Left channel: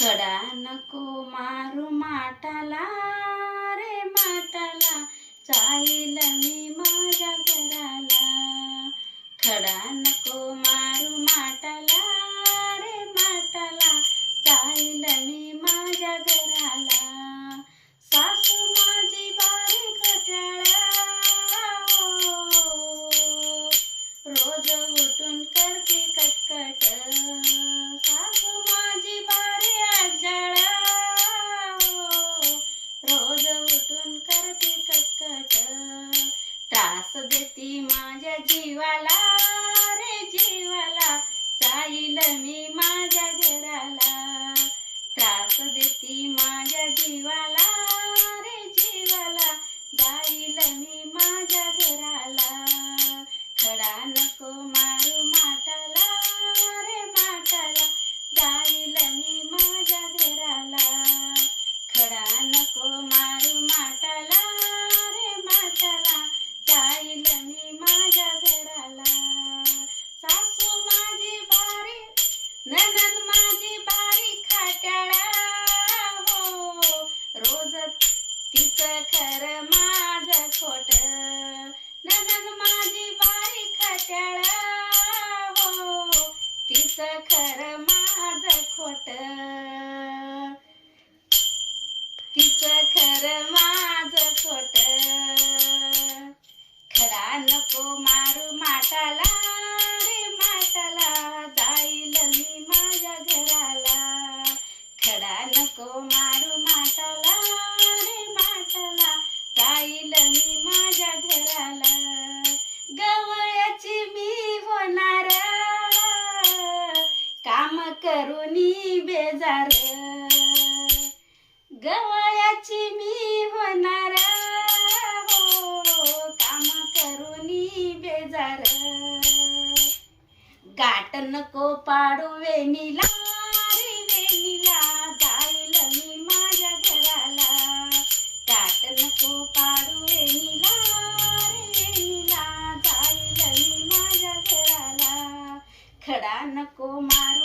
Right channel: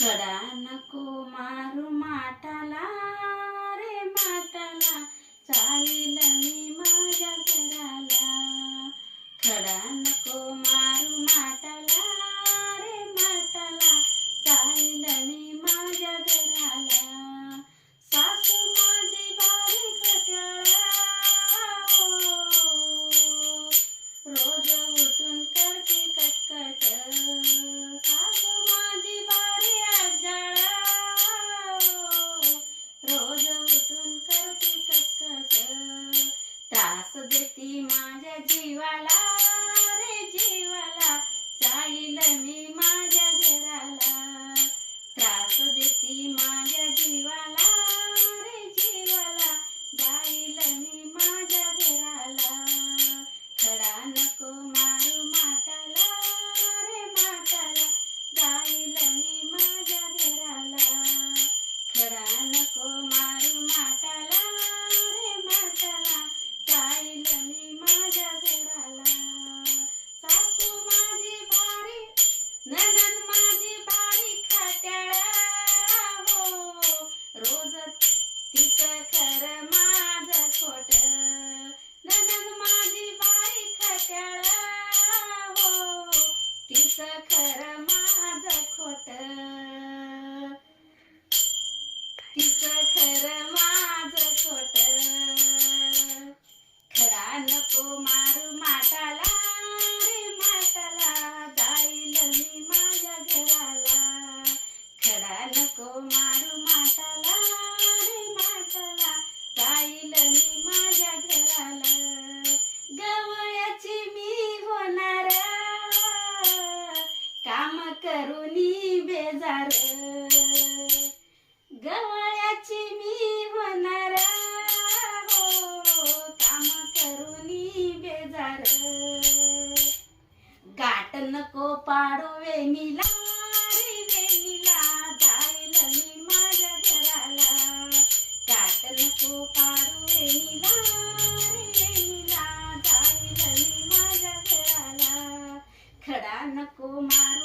खडा नको मारू माठाला रे माठाला, जाईल मी माझ्या घराला. खडा नको मारू माठाला रे माठाला, जाईल मी माझ्या घराला. सासू माझी बारी खट्याळा, रोज उठून करते कटकट. सासू माझी बारी आजाळा, रोज उठून करते कटकट. त्रास देती माझ्या जीवाला रे जीवाला, जाईल मी माझ्या घराला. त्रास देती माझ्या जीवाला रे जीवाला, जाईल मी माझ्या घराला. खडा नको मारू माठाला रे माठाला, जाईल मी माझ्या घराला. खडा नको मारू माठाला रे माठाला, जाईल मी माझ्या घराला. सासू माझी बारी, नणंद माझी बारी खट्याळा, हो रोज तिचं खरं माझं खोट. नणंद माझी बारी खट्याळा, हो तिचं खरं माझं खोट. तिचं खरं माझं खोट. खडा नको मारू माठाला रे माठाला, जाईल मी माझ्या घराला. खडा नको मारू माठाला रे माठाला, जाईल मी माझ्या घराला. गवळ्याची मी होणार, काम करूनी बेजार. गवळ्याची मी होणार, हो काम करूनी बेजार. गाठ नको पाडू वेणीला रे वेणीला, जाईल मी माझ्या घराला. गाठ नको पाडू वेणीला रे वेणीला, जाईल मी माझ्या घराला. खडा नको मारू